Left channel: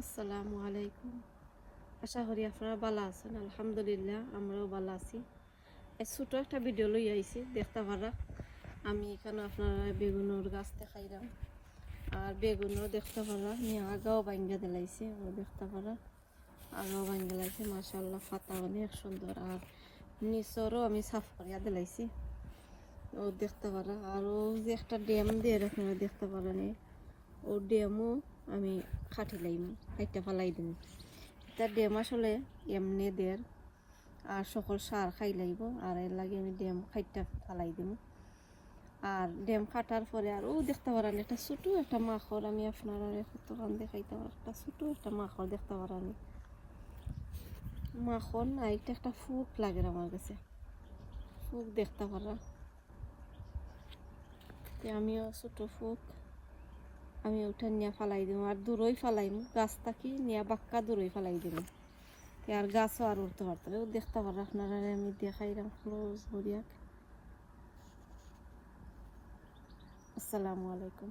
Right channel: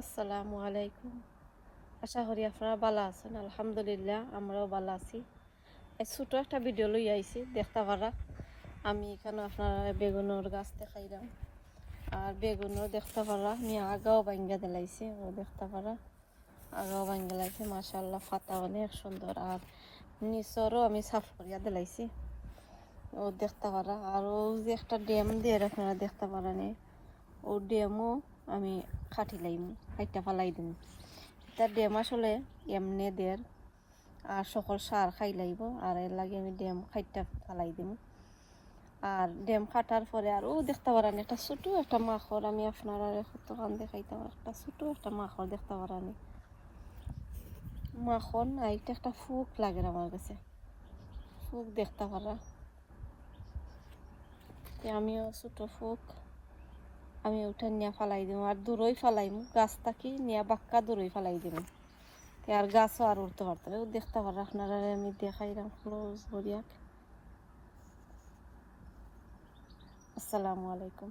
আসসালামু আলাইকুম। আশা করি আপনারা ভালো আছেন। আলহামদুলিল্লাহ আমরাও ভালো আছি। এই ছোট একটা ভিডিও লই আইছি দেখতে পারা। আমি এখানে আপনারা বেগুনের গাছ দেখাইলাম, আর বেগুনও দেখতে পারা আমি আগাও ভাঙ্গা দিলাইছে, ও দেখতে পারা আগাও ভাঙ্গা লাইছে। মাশাআল্লাহ পাতা অনেক সুন্দর, আর নিচরও আমি সাফ করিয়া দিলাইছি, ও দেখতে পারা। আর ও যে একটা ড্যাম দিয়ে আপনারা দেখতে পারেন, ও ড্যামও আমি খাটিলাইম, খাইটা ফালাই দিম। তার ড্যাম আসলে এমনি দের আর সকল সার খাই লাইব, আর এর লাগে আমি ড্যাম খাইটা ফালাই দিম। আর ড্যাম খাটার পরে আর ও দেখতে পারেন একটা ছোটো একটা মাখর, আমি আপনারা কতক্ষণ দেখাইতাম। একটা ছোটো একটা মাখর দেখতে পারেন, মাখন না এটা একটা ফুক লাগে আমার কাছে, ফুক দেখতে পারা। আমিও ছোটো ফুক আমি ওটা নিয়ে ফালাই দিব, আর দূরই ফালাইম, গাছ থাকি নিয়ে বাক্কা দূরই ফালাই দিব, আর গাছও আর উঠতে পারতো। দেখতে পারে আপনারা, আমি দেখাইলাম ক্লোজ করিয়া। আসসালামু আলাইকুম।